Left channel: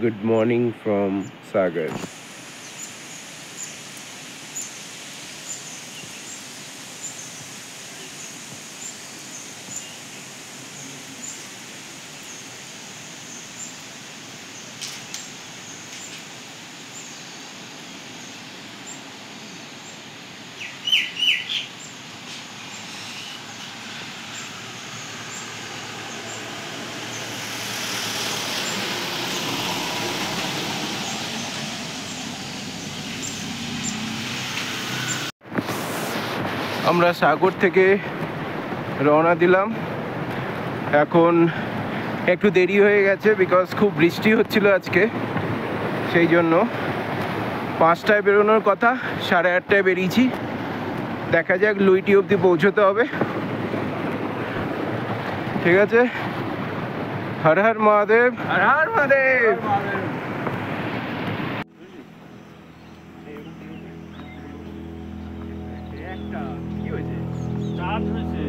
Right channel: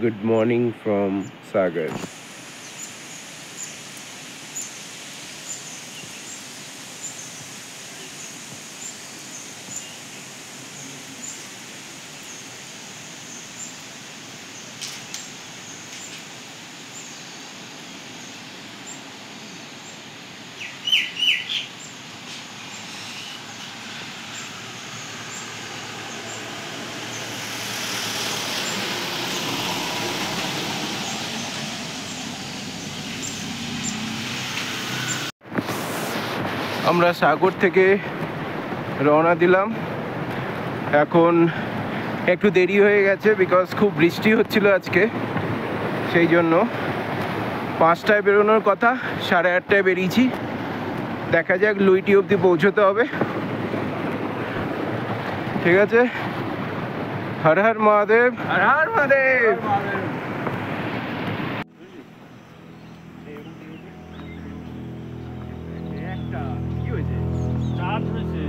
Good morning from Sagar. আমরা সাগর থেকে রওনা দিলাম। এখন একটু দেরি হয়ে গেছে বিকজ খুব বৃষ্টি হচ্ছিল আজকে, সেই জন্য 5টায় বেরোনোর কথা, 8:30টায় বেরিয়েছি। দেখা যাক লুইটি অবধি পৌঁছতে হবে। ঠিক আছে, হর হর মহাদেব, হর হর মহাদেব। কি হয়েছে? চার্জ হয়েছে।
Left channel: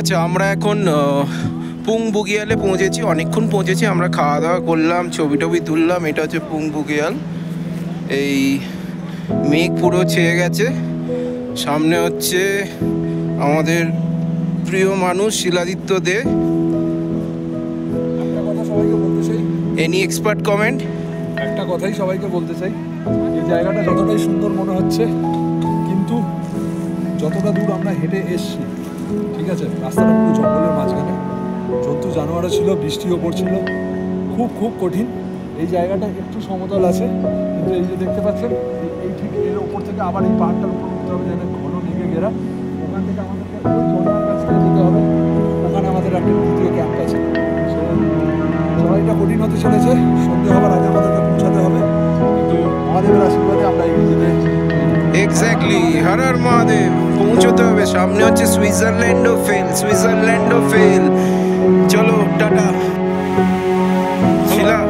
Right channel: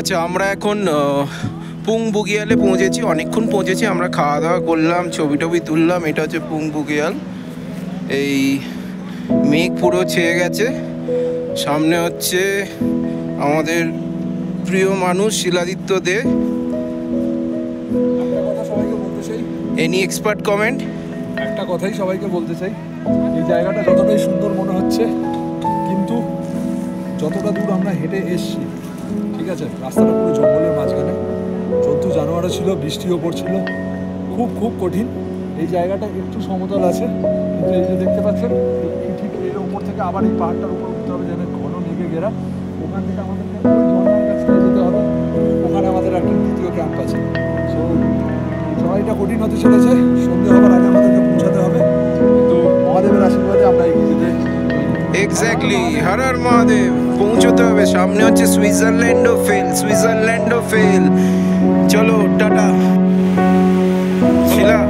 আচ্ছা, আমরা এখন পুং বুগিয়ালে পৌঁছেছি। অনেকক্ষণ পৌঁছেছি, আমরা খাওয়া দাওয়া করলাম, ছবি টবি তুললাম। এটা হচ্ছে পুং বুগিয়াল। এই মেঘ পুরো ছেয়ে গেছে। সামনে হচ্ছে আমাদের প্রিয় মানুষ শিলাদিত্য দে। একটা কথা সবাইকে বলতে চাই, এনি এক্সপার্ট কমেন্ট? একটা কথাই সবাইকে বলতে চাই, এই জায়গাটা যতটাই সুন্দর মনে হচ্ছে, কিন্তু যতটা দূর আমরা হেঁটে এসছি, ঠিক আছে, রাস্তাটা পুরো জঙ্গলের মাঝখানে, জন্তু জানোয়ারও ছিল, বৃষ্টিও পড়ছিল, খুব খুব কঠিন। এই জায়গাটা একটু সমতল আছে, কিন্তু এই যে দেখতে পাচ্ছেন, এই ঠিক এর ওপর থেকে আবার এই পাহাড়টার উপর উঠতে হবে, যেন ঘন মেঘে ঘেরা। ওখান থেকে আমাদেরকে ওই ঝর্ণার কাছটায় যেতে হবে, ওখানে আমাদের একটা দ্বিতীয় ক্যাম্প আছে। সো চড়াইটা কঠিন হতে চলেছে, সন্ধে হবার আগে আমাদেরকে পৌঁছাতে হবে, কিন্তু মহাদেবের আশীর্বাদে আমরা এগিয়ে যেতে। এক্স্যাক্টলি, হর হর মহাদেব। পৌঁছতে হবে। সামনে হচ্ছে সুইজারল্যান্ড ও ফেল, সুইজারল্যান্ড ও ফেল। চলো, টাটা শিলা।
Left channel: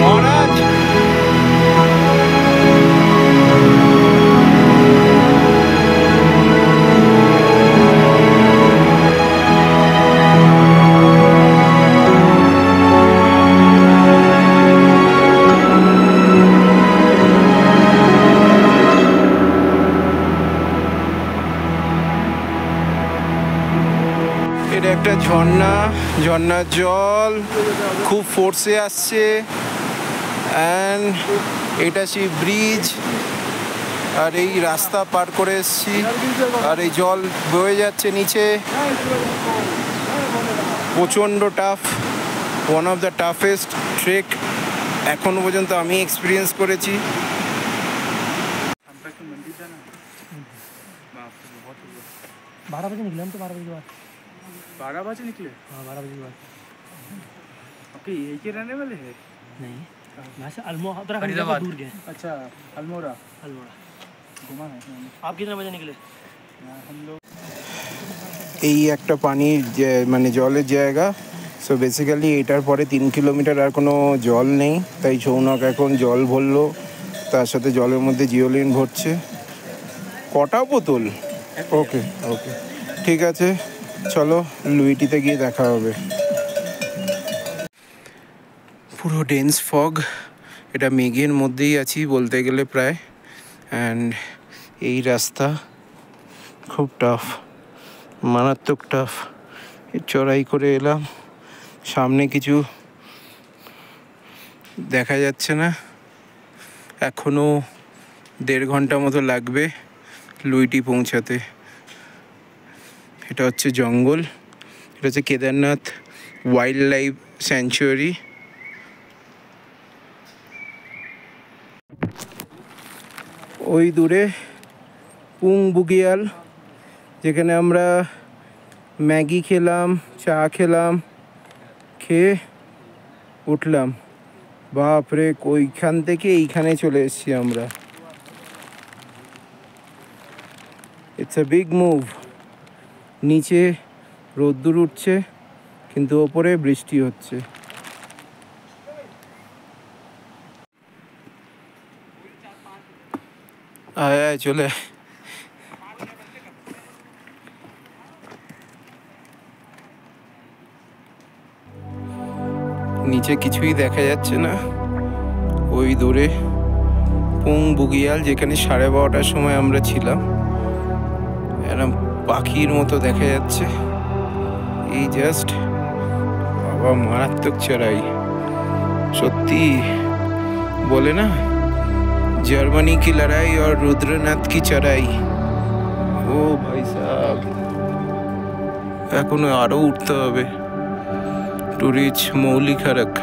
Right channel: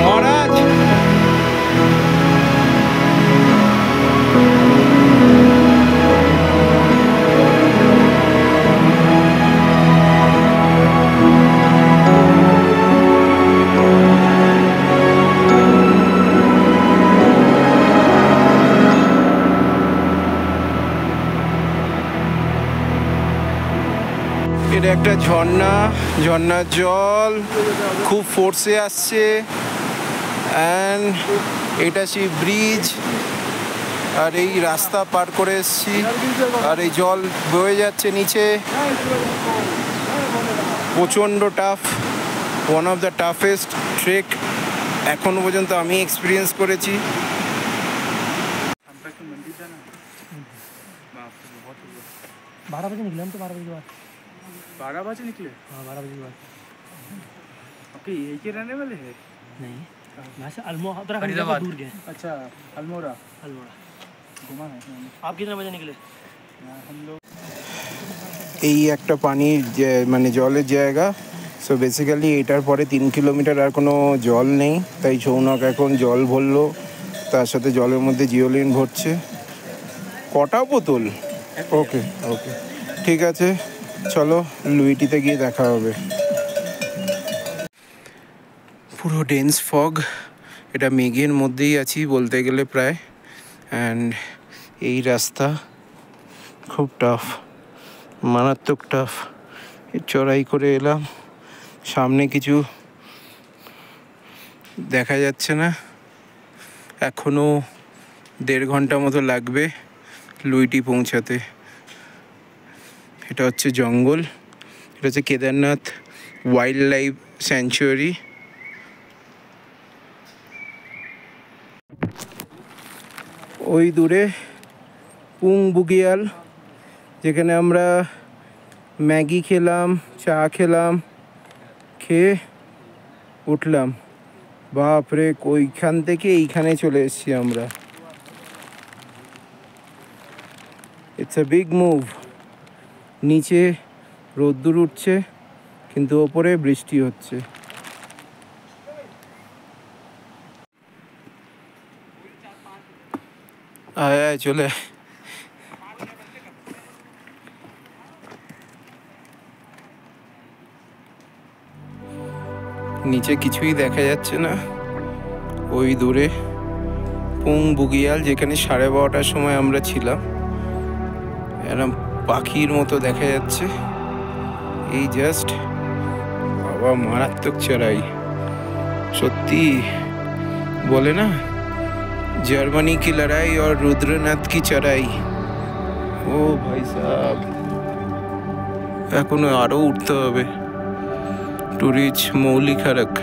মহারাজ, এটা একটা ঝর্ণা, ঝর্ণার জল খুব ফোর্সে আসছে। অ্যান্ড এটা সেই ব্রিজ, আর এই রাস্তা পার করে এসছি, আর এই জল বয়ে যাচ্ছে নিচে। প্রচণ্ড tough, one of the toughest trek এখনো পর্যন্ত আমি এক্সপিরিয়েন্স করেছি। 12 बजे निकले हम तो 12 बजे के बाद। 12 बजे निकले? हाँ 12 बजे के बाद। ओके, यही के रहने वाले हैं? नहीं, यहाँ से अल्मोड़ा उत्तराखंड दूर गए। अच्छा, अल्मोड़ा। अल्मोड़ा घुमा है। आप कितने बजे निकले? हम लोग এই একটা পানির মানে জলের জায়গা। সো বেসিক্যালি এটার পরে 3 কিলোমিটার আর কোনো জল নেই, তাই সৌনক এখন জল ভরলো, তার সাথে জলের মধ্যে জিওলিন ভরছে। কটা বোতল? ওকে ওকে, ঠিক আছে, চলো লুইটিতে গিয়ে দেখা হবে। পুরো ডেন্স ফগ, এটা মেঘের মধ্যেই আছি বলতে গেলে প্রায়। অ্যান্ড এই রাস্তা খুব টাফ, মারাত্মক টাফ। চড়াই করে এলাম, সামনে কিছু দেখা যাচ্ছে না। এখনও 1.5 ঘন্টা মতো লাগবে লুইটি পৌঁছাতে। এটা হচ্ছে জঙ্গল, এটা হচ্ছে কেদারনাথ ওয়াইল্ড লাইফ স্যাংচুয়ারি। ওই দূরে পুং বুগিয়াল, যেখানে আমরা ম্যাগি খেলাম, চা খেলাম, খেয়ে উঠলাম। বাপরে, ওইখান থেকে এইখানে চলে এসেছি আমরা। It's a big move. নিচে রোদ্দুর উঠছে কিন্তু ওপরে বৃষ্টি হচ্ছে। আয় আয় চলে। নিচে কিছুই দেখা যাচ্ছে না। ওই দূরে পুং বুগিয়াল, যেখানে 12:30টার সময় আমরা ছিলাম, এরকম পাখির মতো দেখা যাচ্ছে। এই জাস্ট, বাবা মারাত্মক চড়াই সত্যি। বলে না, জার্মানি কি লড়াই আর রুদ্রনাথ কি চড়াই। ও ভাই সাহেব, এখনো আরো উঠতে হবে টু রিচ মৌলি খারক।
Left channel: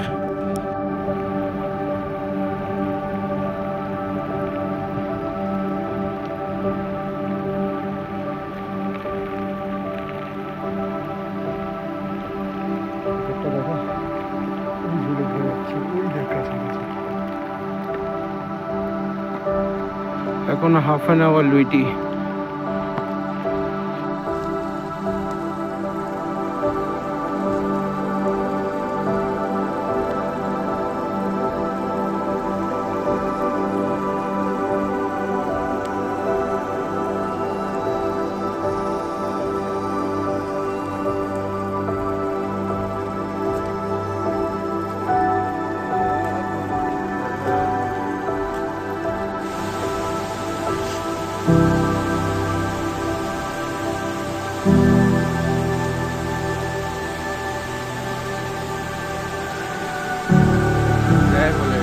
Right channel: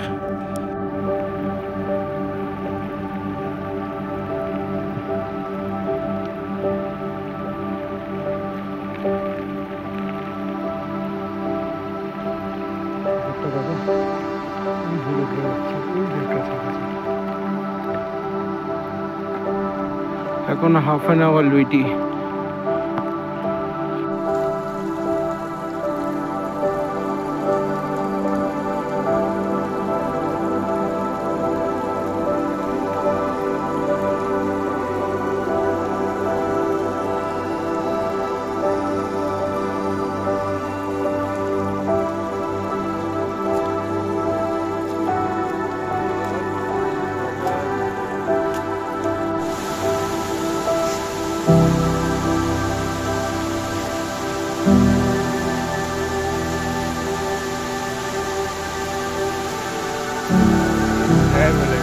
এখন 1/2 hour লুইটি। জয় বলে।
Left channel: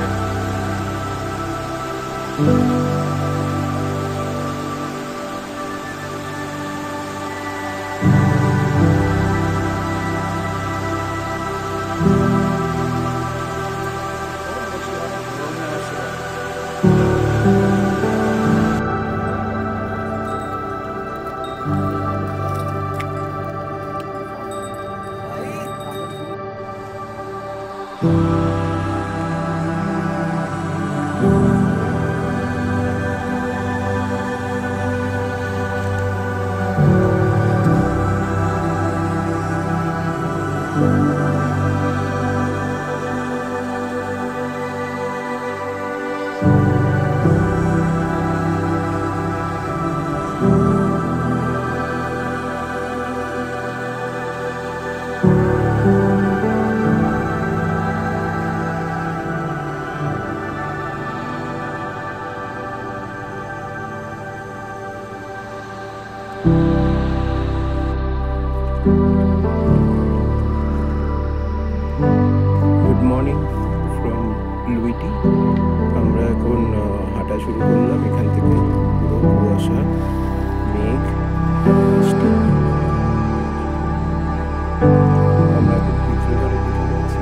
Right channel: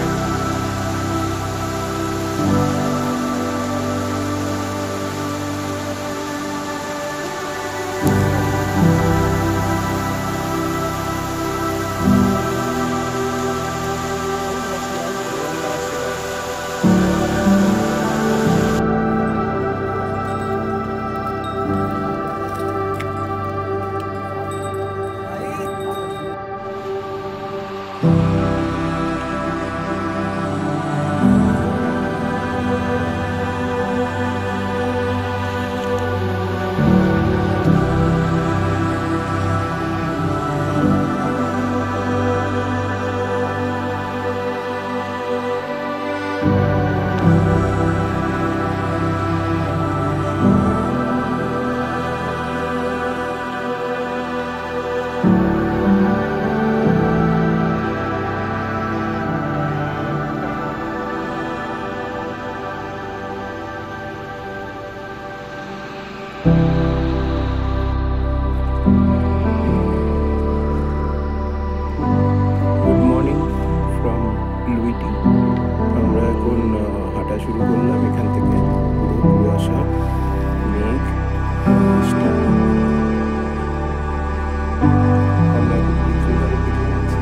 Good morning from Luiti. আমরা এখন হাঁটা শুরু করলাম। এখান থেকে পুরো কুয়াশা, মেঘ, বৃষ্টি। আমরা এখন পিত্রঘরের দিকে যাচ্ছি।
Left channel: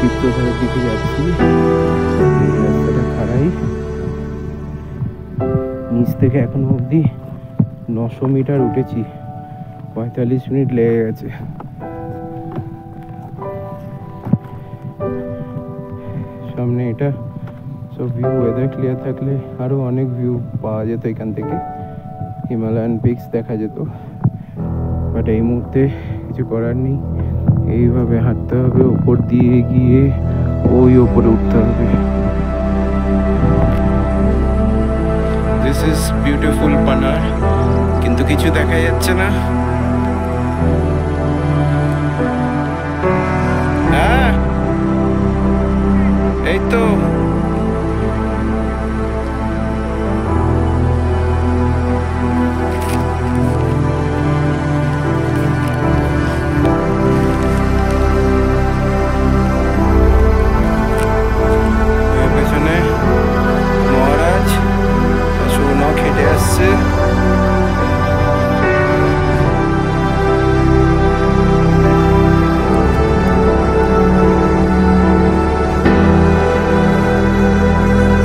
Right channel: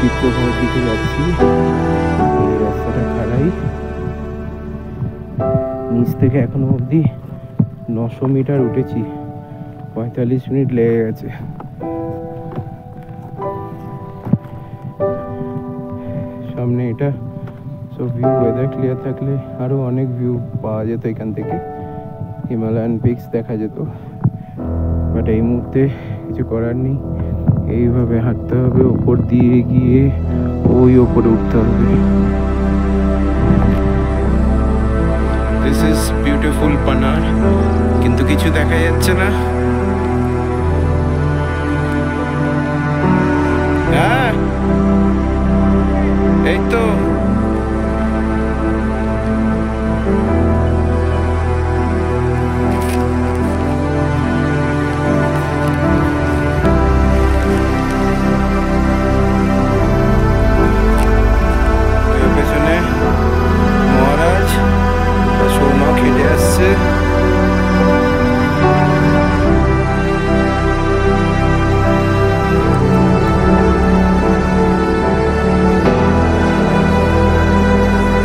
পিত্রঘরের দিকে যাচ্ছি। এই রাস্তাটা খারাই, নিচ থেকে এখনো অবধি 900 মিটার উঠেছি। 45 মিনিট লেগে গেছে। সামনে এটা। সো ভিউ, ওয়েদার ক্লিয়ার থাকলে আরও অনেক ভিউ পাওয়া যেত এখান থেকে, হিমালয়ান পিকস দেখা যেত। বাট এই মুহূর্তে কিছু করার নেই, এইভাবে হাঁটতে হবে, ওপর দিয়ে গিয়ে ওই ওপরে উঠতে হবে। দিস ইজ বিউটিফুল পানার, কিন্তু কিছু দেখা যাচ্ছে না। হ্যাঁ এই তো পেছনে মহারাজ আর সৌনক হেঁটে আসছে।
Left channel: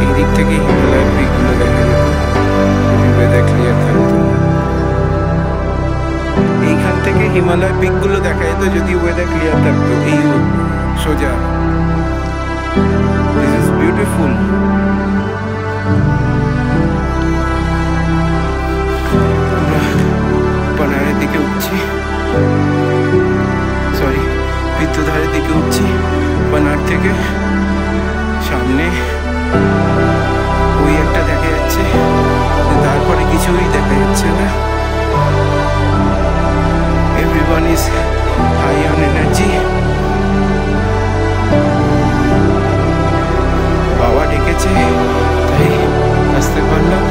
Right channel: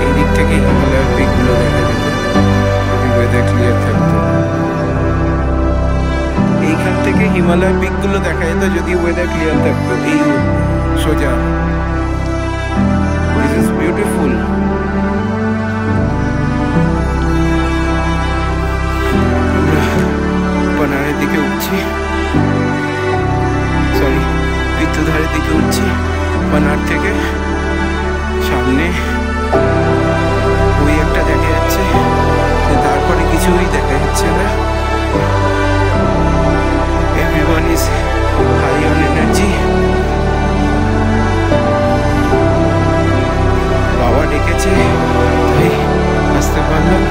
এই দিক থেকে হিমালয়ের পিকগুলো দেখা যেত যদি ওয়েদার ক্লিয়ার থাকতো। এইখান থেকে হিমালয় পিকগুলো দেখা যেত যদি ওয়েদার ক্লিয়ার থাকতো। এই সোজা, দিস ইজ বিউটিফুল। আমরা পানারের দিকে উঠছি, সরি পিত্তধারের দিকে উঠছি। পানার থেকে সামনে ওই একটা দেখা যাচ্ছে, তারপরে কিছুই দেখা যাচ্ছে না। Everyone is high on energy. বাবা ডেকেছে তাই আসতে পারলাম।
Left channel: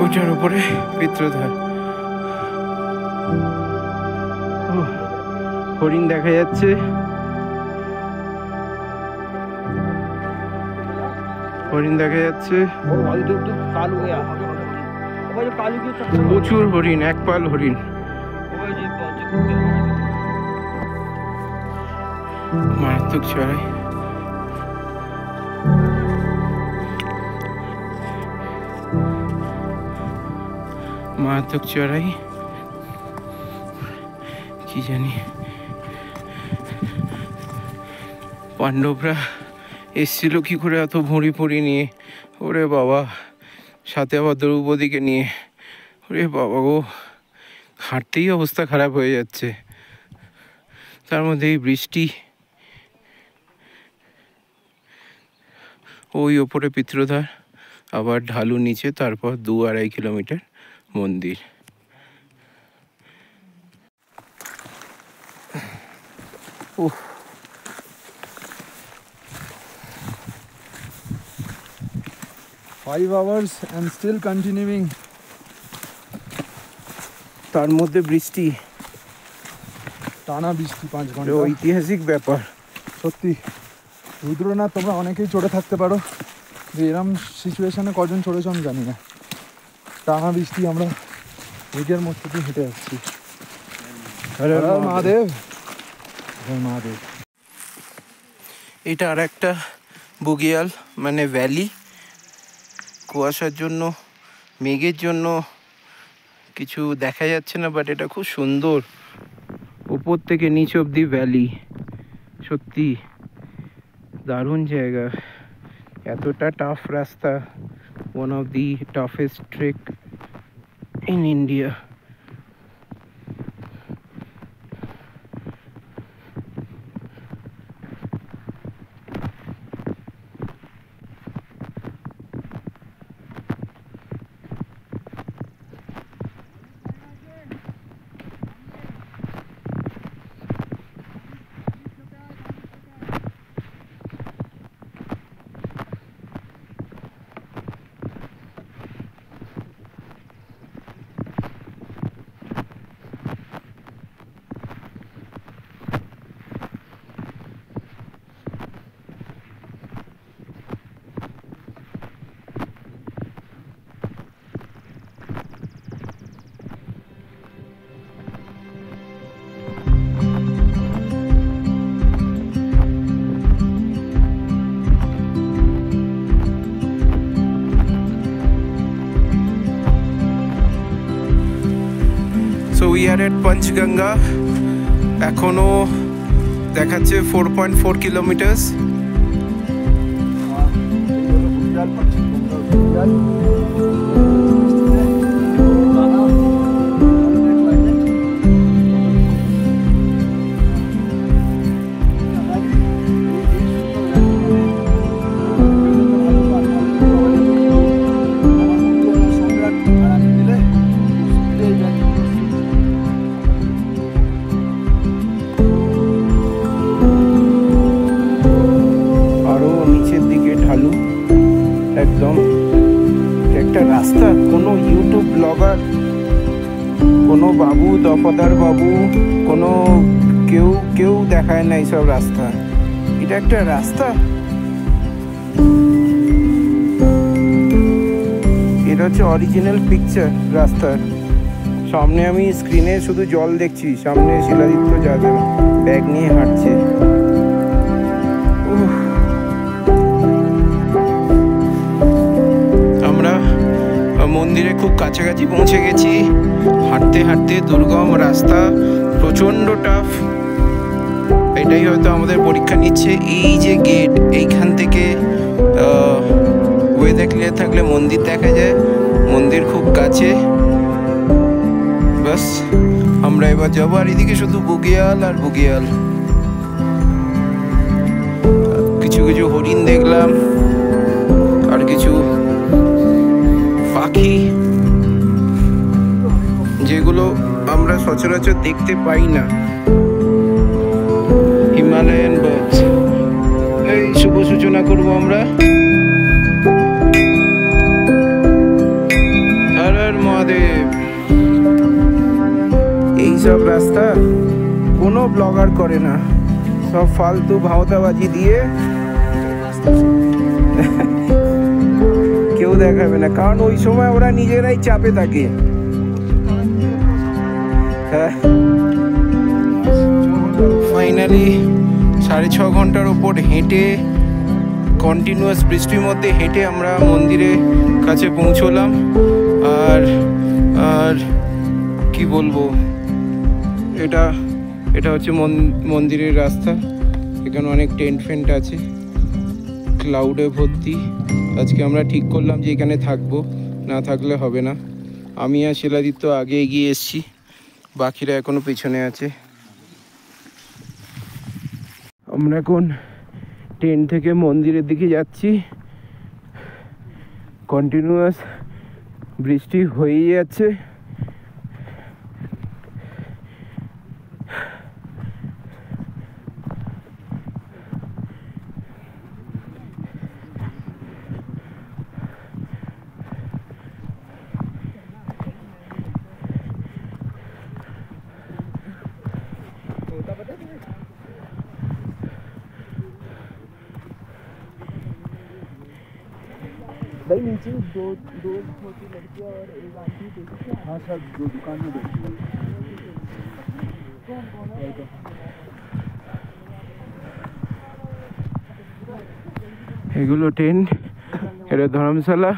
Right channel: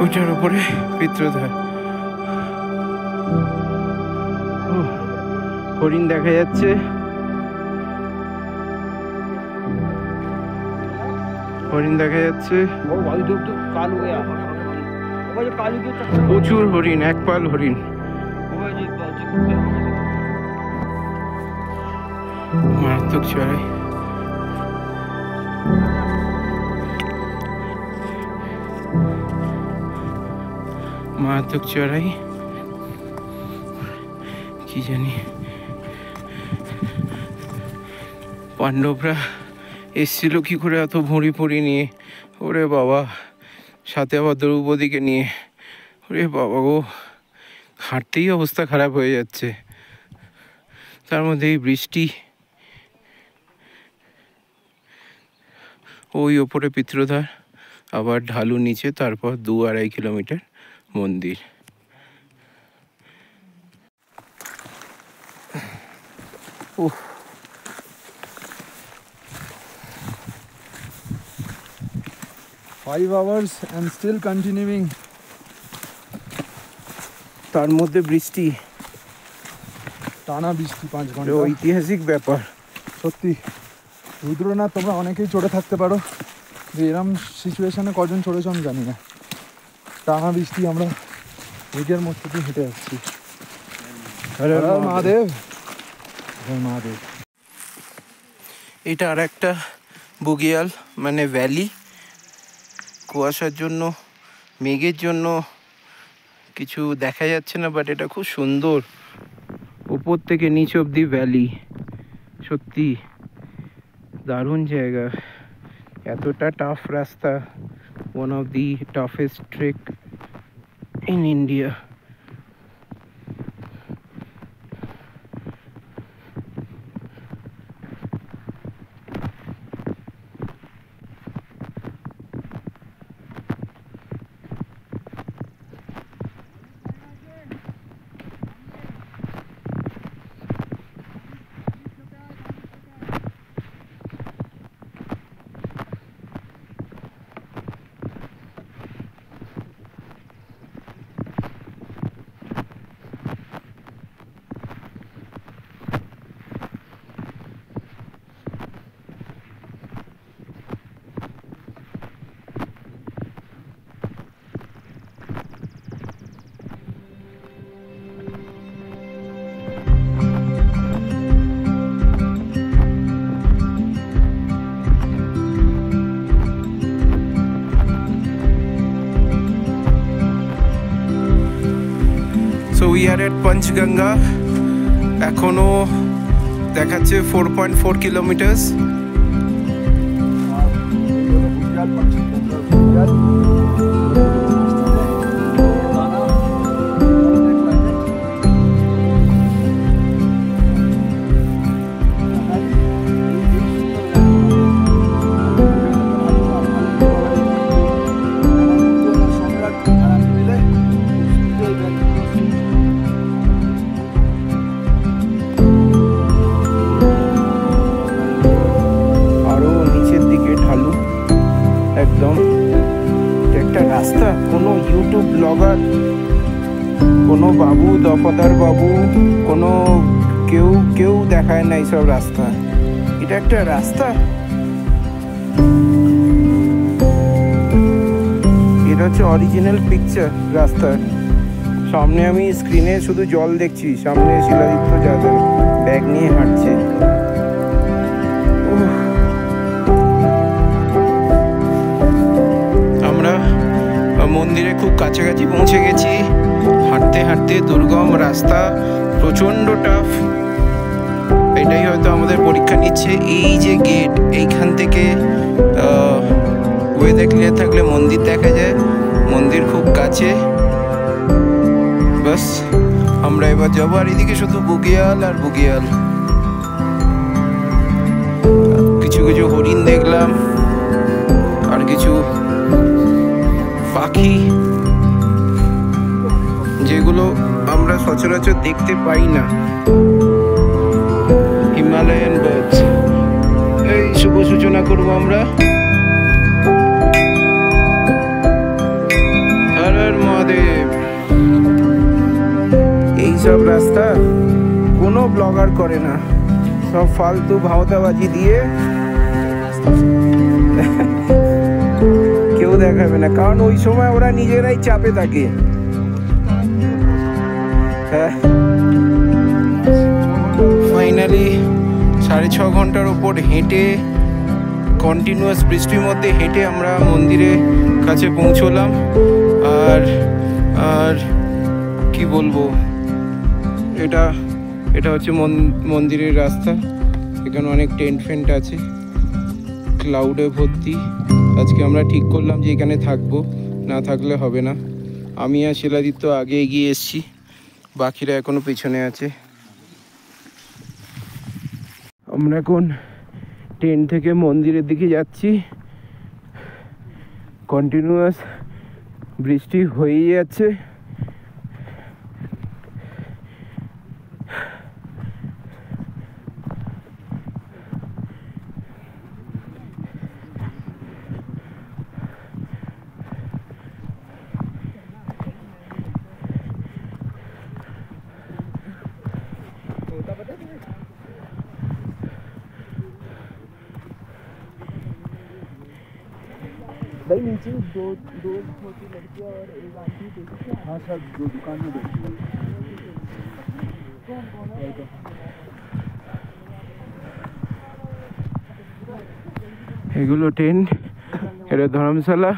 ওইটার উপরে পিত্রধার। হরিণ দেখা যাচ্ছে, হরিণ দেখা যাচ্ছে, প্রচুর হরিণ, এক পাল হরিণ। মারাত্মক চড়াই। মারাত্মক চড়াই, কি জানি পাণ্ডবরা এসছিল কি করে এত ভুঁড়ি ফুঁড়ি নিয়ে। ওরে বাবা, সাথে আবার দ্রৌপদীকে নিয়ে। ওরে বাবা গো, হাঁটতেই অবস্থা খারাপ হয়ে যাচ্ছে, তার মধ্যে এই বৃষ্টি। ওই ওপরে পিত্রধার, আবার ঢালু নিচে, তারপর 2-2.5 কিলোমিটার মন্দির। উফ, 5 hours and still continuing. তার মধ্যে বৃষ্টি, টানা বৃষ্টি 5 ঘন্টা। ঐতিহাসিক ব্যাপার সত্যি রুদ্রনাথ, তোমরা অনেকেই চড়ে থাকতে পারো, যে এরম সিচুয়েশনে কজন চড়েছ আমি জানি না। টানা বৃষ্টি, আমরা মেঘের মধ্যে দিয়ে হেঁটে যাচ্ছি। মহাদেব, মহাদেব। এটা আর একটা বুগিয়াল, মানে ভ্যালি। কুয়াশার জন্য, মেঘের জন্য কিছু দেখা যাচ্ছে না, বাট এটা খুব সুন্দর। উপর থেকে নিচ অব্দি ভ্যালি, সত্যি দারুণ জায়গা। এতটা টাফ রাস্তা, one of the toughest trek in India. So we are এট পঞ্চগঙ্গা। এখনো দেখাচ্ছে 4.4 কিলোমিটার্স। আরো নিচের দিকে ঢালু একদম। একটা রাস্তা, কোনো ইউটিউব ব্লগার, কোনো বাবু, দফাদার বাবু, কোনো কেউ দেখায় না এইসব রাস্তা। এটা একটা রাস্তা? এটা হচ্ছে অরিজিনাল পিকচার রাস্তার। সামনে আমি স্ক্রিনে শুধু জল দেখছি, সামনে শিলাদিত্য যাদব ব্যাগ নিয়ে হাঁটছে। আমরা মন্দিরে খুব কাছাকাছি পৌঁছে গেছি। হাঁটতে হাঁটতে দুর্গম রাস্তা, প্রচণ্ড টাফ। এটাই হয়তো আমাদের পরীক্ষা নিচ্ছে। এই যে গেট, এইখান থেকে ওয়েদার ক্লিয়ার থাকলে মন্দির দেখা যায়। মন্দির খুব কাছে। বাস আমরা এবার যাবো। আর এদিকে শুধু বুগিয়াল আর বুগিয়াল। কিছু কিছু হরিণ দেখলাম, আর কিছু পাখি যেগুলো আমরা সচরাচর দেখতে পাই না। Himalayan birds. এই শুভ সূচনা করবো আমরা। হর হর মহাদেব। এইসব রাস্তা কোনো ব্লগার করে না, সব ফালতু ভাওতাবাজি দিয়ে কেউ দেখাবে না, কারণ ওই সময় ওরা নিজেরাই চাপে থাকে। হ্যাঁ, ফাইনালি 6.5 ঘন্টার ওপর হেঁটে, কন্টিনিউয়াস বৃষ্টির মধ্যে হেঁটে আমরা মন্দিরের কাছে পৌঁছলাম। আর কি বলবো, এটা হচ্ছে মন্দিরের রাস্তা। এখানে অনেক টেন্ট ফেন্ট আছে, ক্লাউডে ভর্তি। আজকে আমরা ঠিক করলাম যে এখানে থাকবো, না থাকলে হবে না। আমি আর শিলাদিত্য আগে এগিয়ে এসেছি, বাকিরা এখনো পিছনে আছে। আমরা এখন ট্রেন থেকে মন্দিরের দিকে যাচ্ছি। কন্টিনিউয়াস বৃষ্টি হয়েই যাচ্ছে। भाई नीचे दो छोटी लड़कियां और एक आंटी देखी। हाँ सर, दो दुकान में देखी। এগুলো টেন্ট, এটা ধর্মশালা।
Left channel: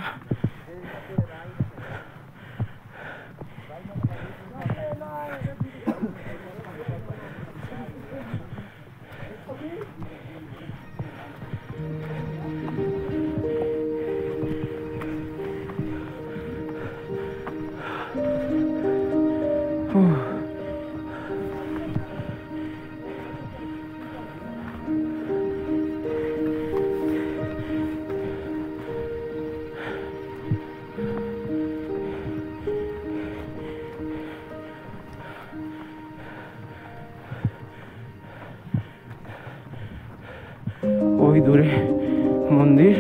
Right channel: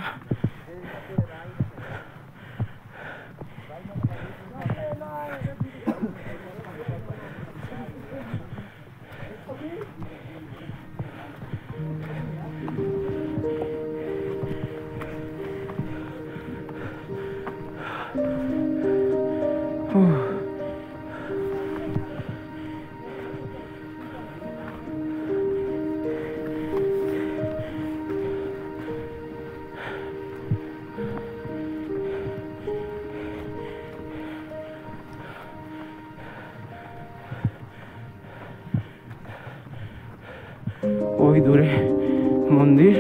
ওই দূরে মন্দির।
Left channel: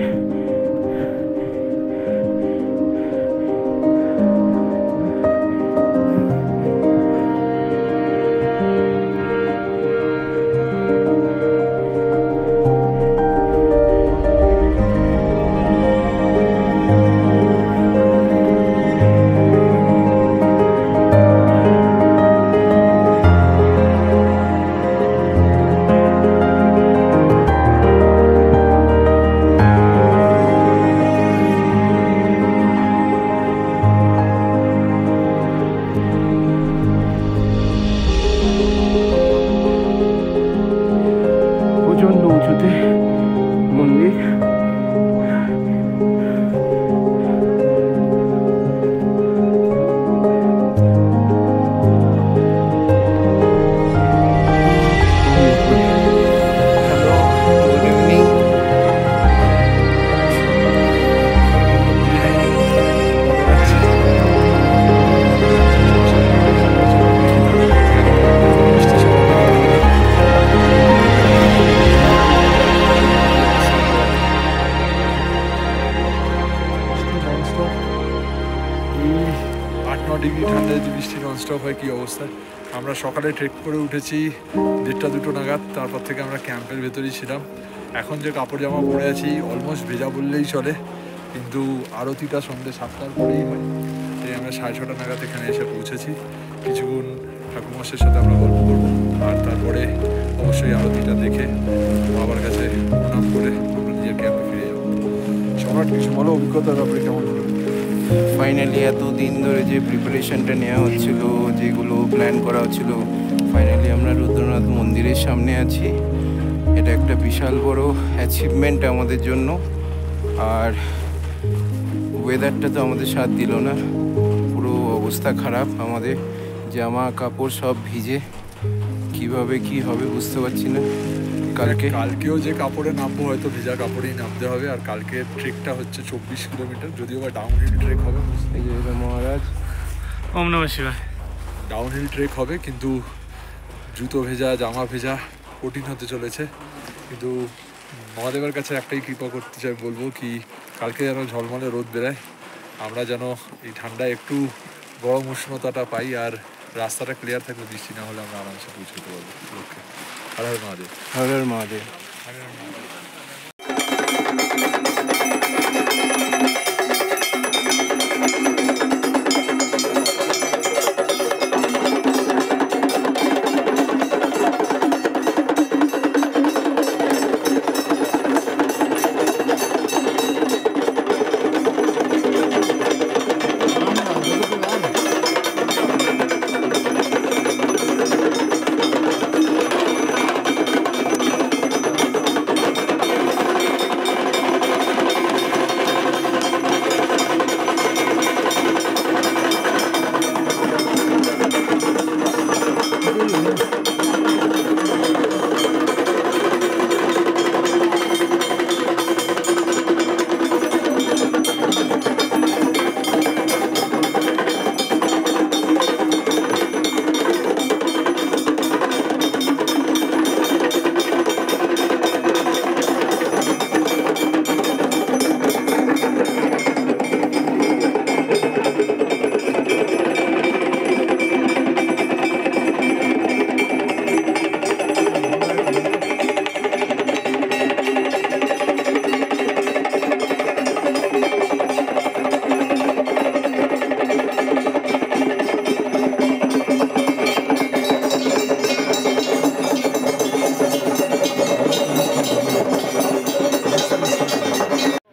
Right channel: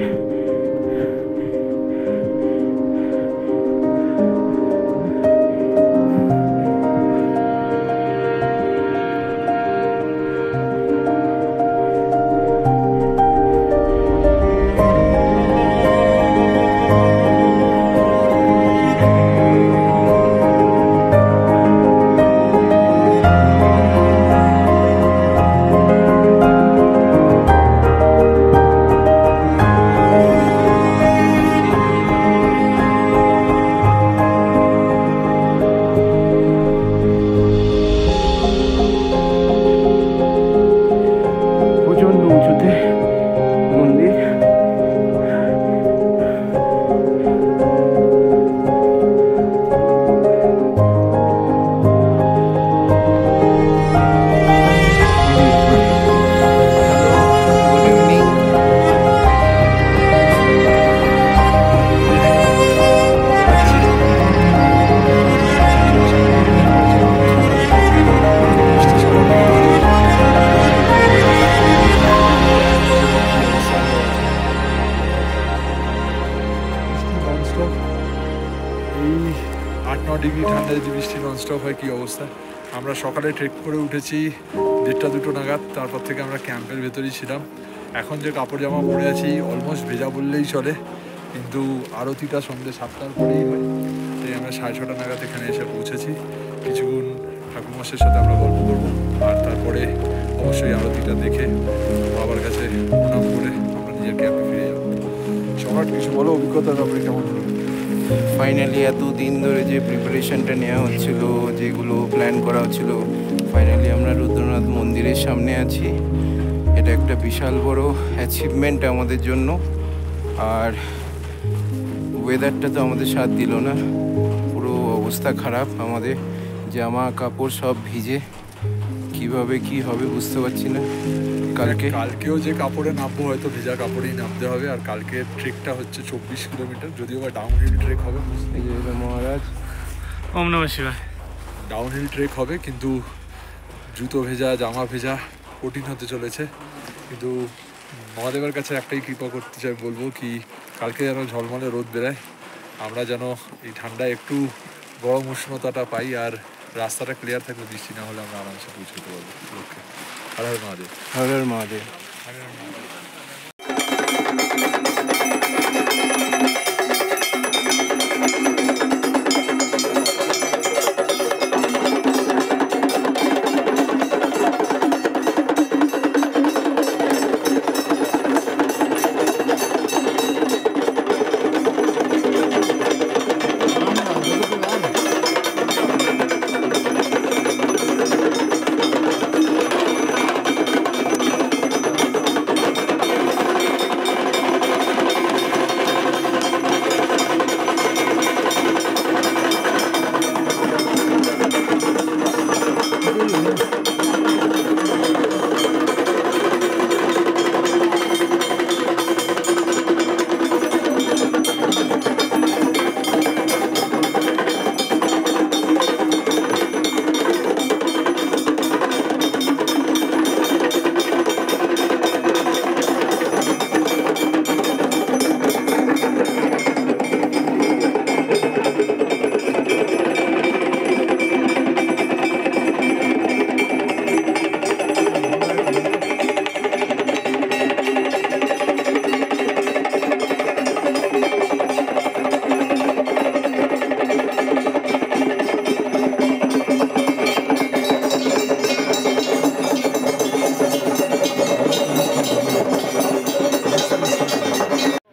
ডিগ্রি ঠান্ডা, যদি বৃষ্টি ননস্টপ হয় কী অবস্থা। আমরা সকালে ট্রেক করে উঠেছি 1:30-2 নাগাদ, তারপর থেকে আমরা ক্যাম্পের ভেতরেই ছিলাম। এখন যে কাপড় জামা পরে আছি অলমোস্ট ভেজা বললেই চলে, কিন্তু আরতিটা সন্ধ্যে 7টার পরেই হয়, তাই আমরা 6:30 নাগাদ এখানে এসে পৌঁছেছি। কিছুক্ষণ ঠাকুরমশাইয়ের সাথে আমরা গল্প করবো, আর তারপরে অবশ্যই আরতিটা দেখে বাবার কাছে প্রণাম করে আমরা নিজের ক্যাম্পে ফিরে যাবো। সম্রাট, কিছু বলো, অভিজ্ঞতার ব্যাপারে কেমন হলো? ফাইনালি এত দিন ধরে যে প্রিপারেশনটা নেওয়া হচ্ছিল, যেগুলো প্ল্যান করা হচ্ছিল, ফাইনালি আমরা রুদ্রনাথ মন্দিরের সামনে আছি। এটা একটা বিশাল বড় অ্যাচিভমেন্ট আমাদের জন্য। আর ওয়েদারটা তো আমাদের সাথ দিল না, পুরো অবস্থা খারাপ, আমাদের জামা কাপড় সব ভিজে, কিভাবে কি হবে বুঝতে পারছি না। কালকেও যে কাপড়ে নামবো হয়তো ভেজা কাপড়েই নামতে হবে। আর কালকে ট্রেকটা হচ্ছে 24 কিলোমিটার, যদিও বা ডাউনহিল ট্রেক হবে। এই যে এটা মহারাজ, ওম নমঃ শিবায়। ডাউনহিল ট্রেক হবে, কিন্তু জুতো ভেজা, জামা ভেজা, কঠিন হতে চলেছে। কিন্তু মহাদেবের কাছে একটাই কৃপা করতে চাই, বলবো কি কালকে যেন ঝলমলে রোদ বেরায়, আমরা যেন এই ঠান্ডায় একটু গরম উষ্ণতাটা পাই, আর রাস্তাটা ক্লিয়ার থাকলে, বৃষ্টি না হলে আমরা আরামসে পৌঁছতে পারবো লোককে। হর হর মহাদেব। হর হর মহাদেব।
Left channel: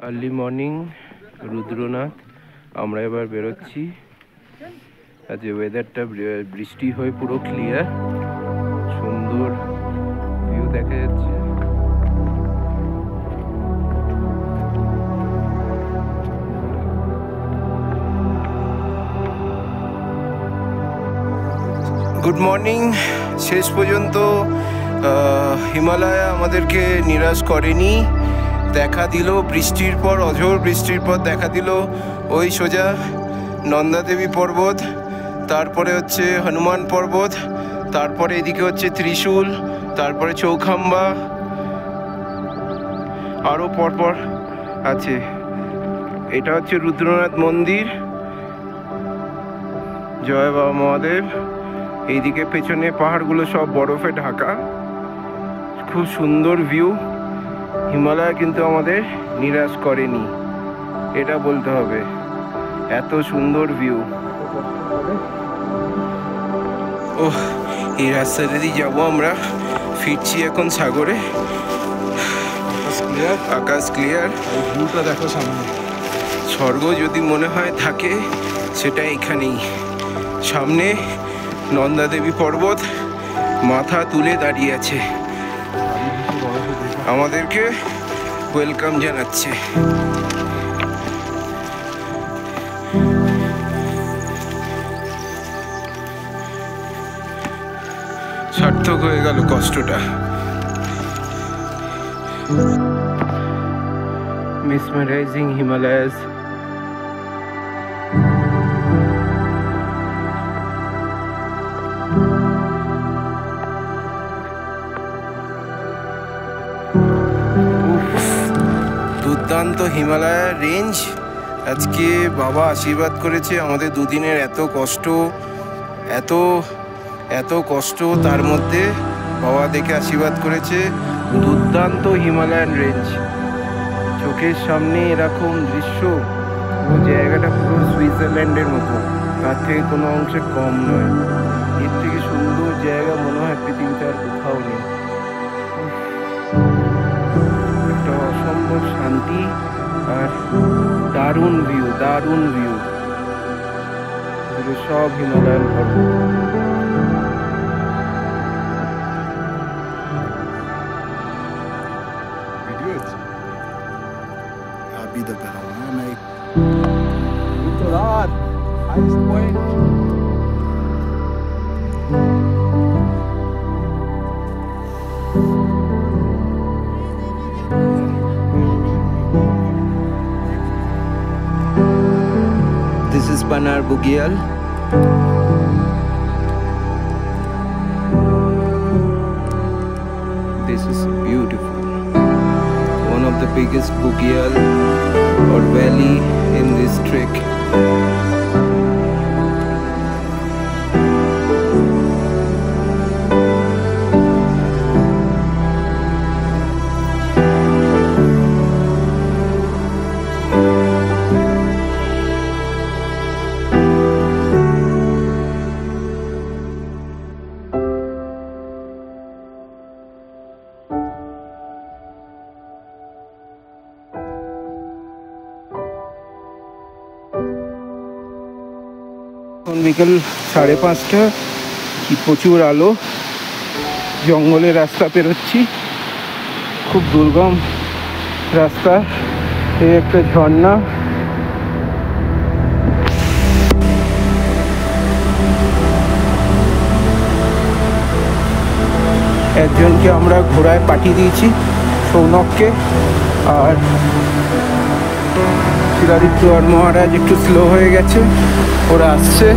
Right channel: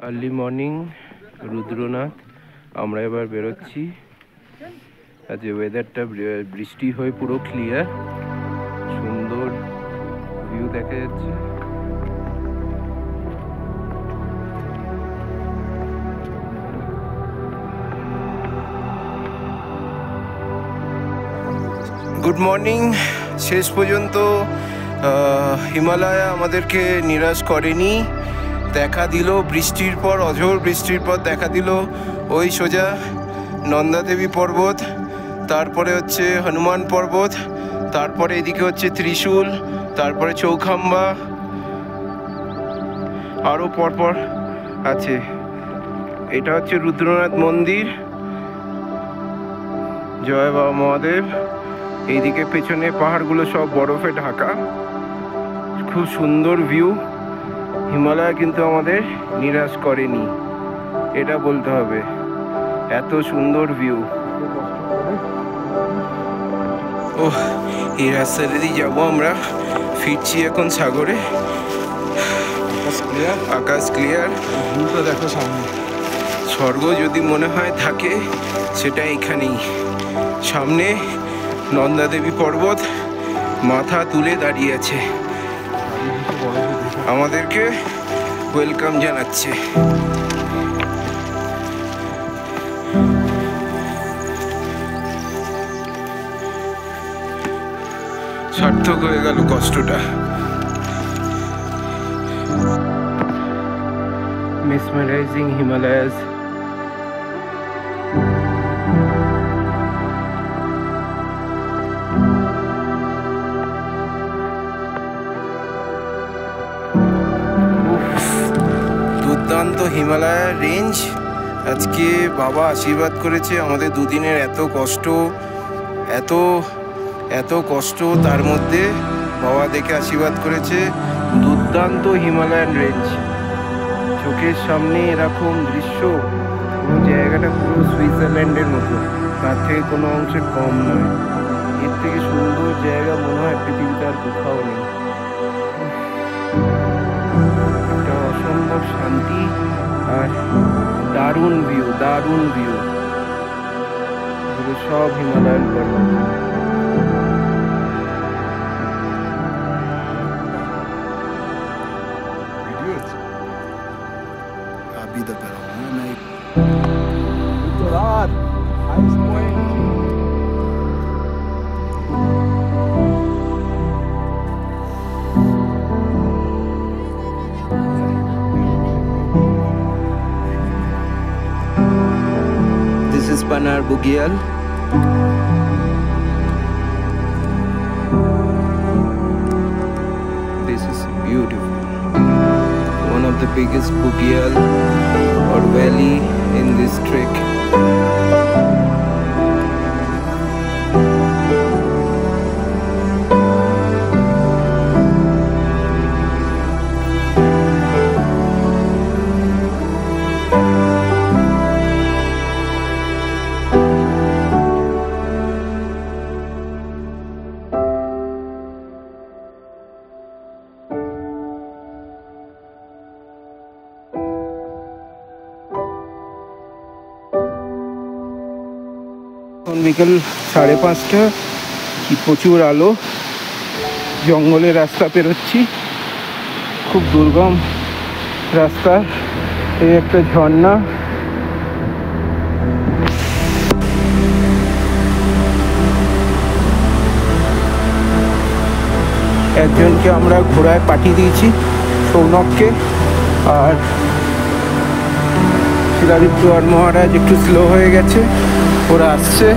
আর্লি মর্নিং রুদ্রনাথ, আমরা এবার বেরোচ্ছি। আজ ওয়েদারটা বৃষ্টি হয়ে পুরো ক্লিয়ার, সুন্দর ভিউ দেখা যাচ্ছে। Good morning. শেষ পর্যন্ত হিমালয় আমাদেরকে নিরাশ করেনি, দেখা দিল বৃষ্টির পর, অঝোর বৃষ্টির পর দেখা দিল ওই সোজা নন্দাদেবী পর্বত, তারপরে হচ্ছে হনুমান পর্বত, তারপরে এদিকে হচ্ছে ত্রিশূল, তারপরে চৌখাম্বা, আরও পরপর আছে। এটা হচ্ছে রুদ্রনাথ মন্দির। জয় বাবা মহাদেব। এইদিকে পেছনে পাহাড়গুলো সব বরফে ঢাকা, খুব সুন্দর ভিউ। হিমালয় কিন্তু আমাদের নিরাশ করেনি, এটা বলতে হবে, এত সুন্দর ভিউ। ও, এই রাস্তাটা দিয়ে যাবো আমরা, ফিরছি এখন সাগরে। আকাশ ক্লিয়ার, আকাশ ক্লিয়ার, ভিউটা দেখো সামনে। স্বর্গ যদি মনে হয় থাকে সেটা এখানেই, সামনে নন্দাদেবী পর্বত মাথা তুলে দাঁড়িয়ে আছে, আমাদেরকে ওয়েলকাম জানাচ্ছে। সার্থক হয়ে গেল কষ্টটা। mesmerizing Himalayas. দুর্দান্ত হিমালয় রেঞ্জ, আজকে বাবা আশীর্বাদ করেছে আমাদের দুদিনের এত কষ্ট, এত এত কষ্ট, তার মধ্যে বাবা দেখে আশীর্বাদ করেছে। দুর্দান্ত হিমালয়ান রেঞ্জ, চোখের সামনে এরকম দৃশ্য, পুরো জায়গাটা পুরো সুইজারল্যান্ডের মতো, তার থেকে কোনো অংশে কম নয়। এর থেকে সুন্দর জায়গা মনে হয় পৃথিবীতে আর কোথাও নেই। একটা অসম্ভব শান্তি আর দারুণ ভিউ, দারুণ ভিউ। এগুলো সব হিমালয়ান পর্বত। ভিডিও আছে आप भी इधर पे रहो है मैं एक উত্তরার highest point. This is Panar Bugyal. This is beautiful. One of the biggest Bugyal or valley in this trek. এখন বিকেল 5:30, কি প্রচুর আলো, জঙ্গলের রাস্তা পেরোচ্ছি, খুব দুর্গম রাস্তা। এই একটা ঝর্ণা, একজনকে আমরা ঘোড়ায় পাঠিয়ে দিয়েছি, সৌনককে, আর শিলাদিত্য আর মহারাজ একটু স্লো হয়ে গেছে, ওরা আসছে।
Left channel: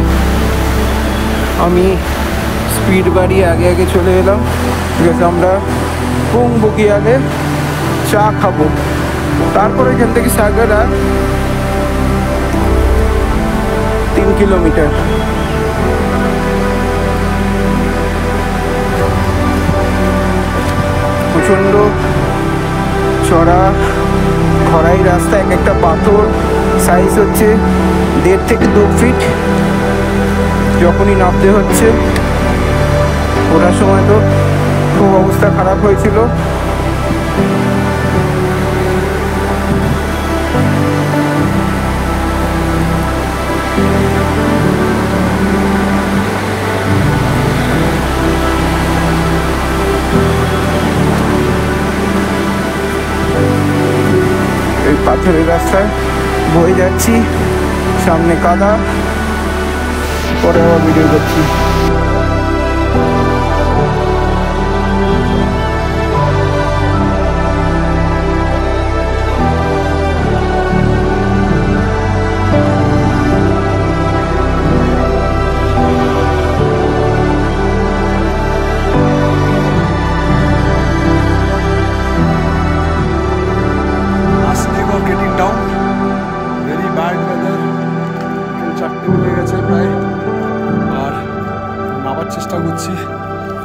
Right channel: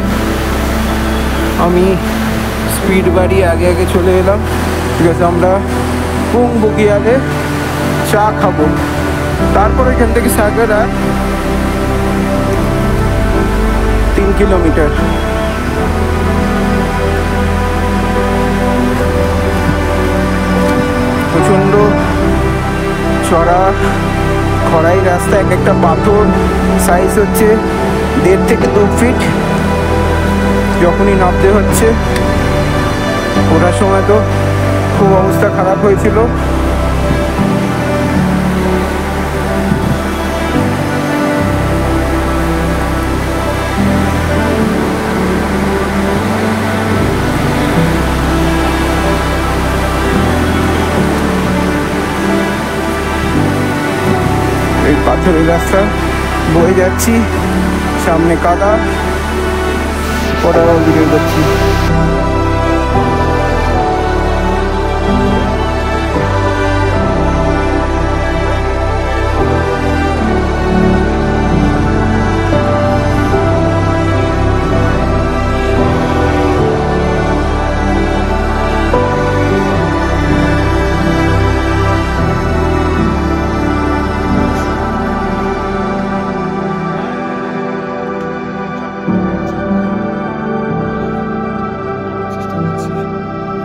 আমি স্পিড বাড়িয়ে আগে আগে চলে এলাম, ঠিক আছে। আমরা পুং বুগিয়ালে চা খাবো, তারপরে এখান থেকে সাগর আর 3 কিলোমিটার। প্রচণ্ড চড়া খড়াই রাস্তা, এক একটা পাথর সাইজ হচ্ছে 1.5 থেকে 2 ফিট। যখনই নামতে হচ্ছে, ওঠার সময় তো খুব অবস্থা খারাপ হয়েছিল। এই পাথরের রাস্তায় বয়ে যাচ্ছি, সামনে কাদা, পরে আবার ভিডিও করছি।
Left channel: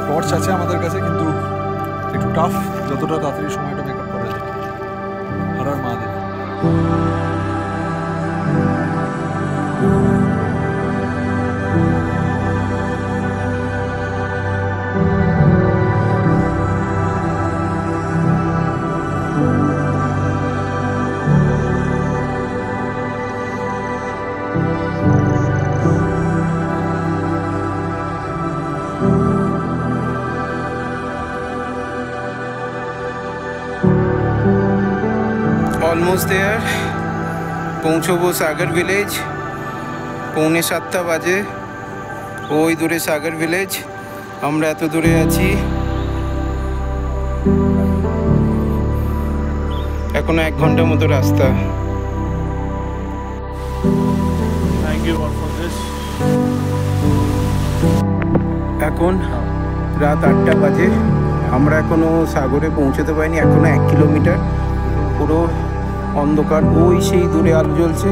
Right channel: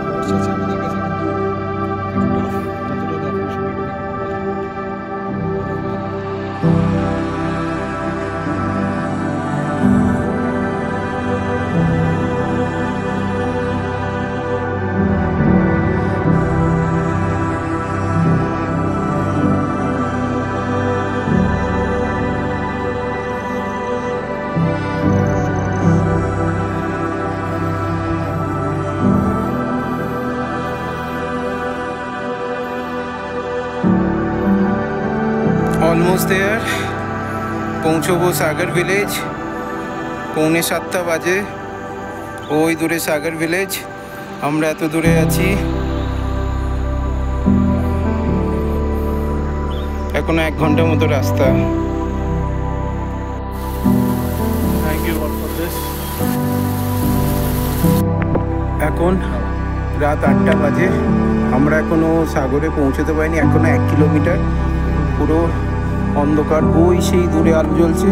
টর্চ আছে আমাদের কাছে, কিন্তু একটু টাফ, যতটা তাড়াতাড়ি সময়টা মেকআপ করা যায়। আর মা দেয় অলমোস্ট দেয়ার, পৌঁছবো সাগর ভিলেজ। 6:45 বাজে, ওই দূরে সাগর ভিলেজ, আমরা এত দূরে আছি। এখনো 1 ঘন্টার মতো রাস্তা। Thank you God for this. এখন রাত 8টা বাজে, আমরা এখনো সাগরে পৌঁছতে পারিনি, এখনো 1 কিলোমিটার। পুরো অন্ধকার, ওই সেই দূরে আলো জ্বলছে,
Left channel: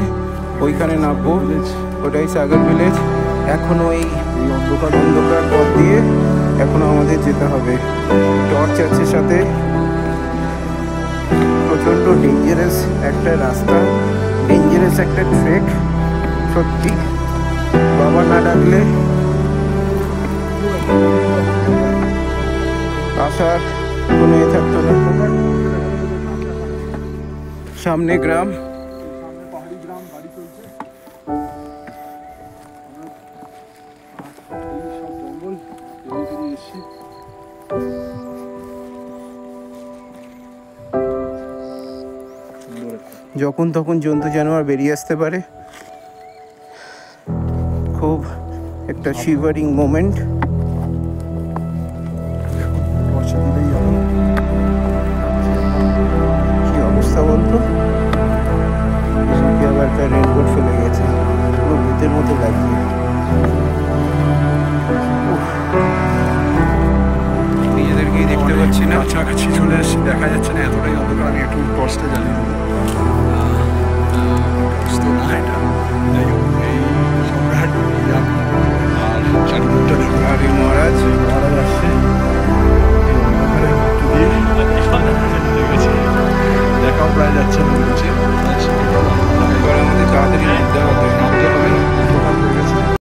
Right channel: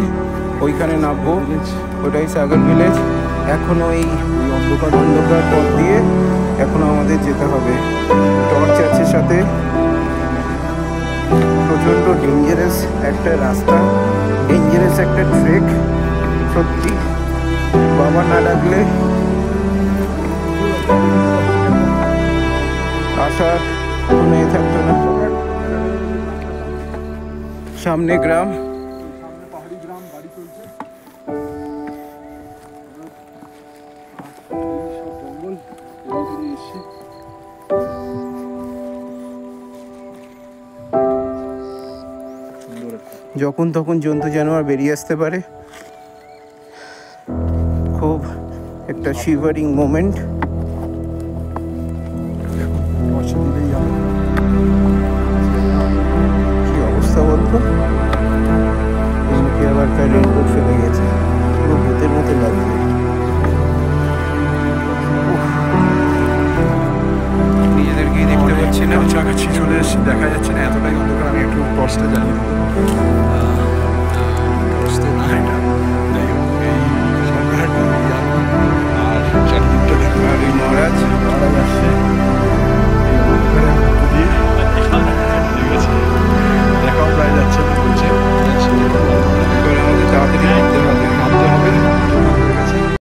ওইখানে নামবো। ওটাই সাগর ভিলেজ। এখনও এই অন্ধকার পথ দিয়ে এখনও আমাদের যেতে হবে। টর্চ আছে সাথে। প্রচণ্ড ডেঞ্জারাস একটা রাস্তা, ডেঞ্জারাস একটা ট্রেক। সত্যি বাবা না ডাকলে আসার কোনো এ থাকতো না। সামনে গ্রাম, সামনে পাহাড়ি গ্রাম, গাড়ি চলছে। সব জঙ্গল পেরিয়ে এসছি। সুন্দর একটা যখন তখন জন্তু জানোয়ার বেরিয়ে আসতে পারে। খুব একটা শিভারিং মোমেন্ট। এখন টর্চ দিলেই আলো। কি অবস্থা বলতো, এমনকি আবার একটা রেনকোট ফেলে গেছে, পুরো ভূতের মতো লাগছে। উফ, নিজেদেরকেই দেখতে পাচ্ছি না। কাছাকাছি চলে এসেছি, দেখা যাচ্ছে না, এতটাই অন্ধকার। আমি একটু টর্চটা জ্বালিয়ে দেবো। টর্চ তো না এটা, যাই হোক। এই সম্রাট, এই আমি, আর চারিদিকটা দেখো। আর এই মহারাজ মহারাজ আসছে এই অন্ধকারের মধ্যে দিয়ে। ঠিক আছে, দেখাও প্রায় যাচ্ছে না বলছে। এবার আমাদের তাড়াতাড়ি নামতে হবে। নামতে হবে, টোটাল হয়ে গেছে।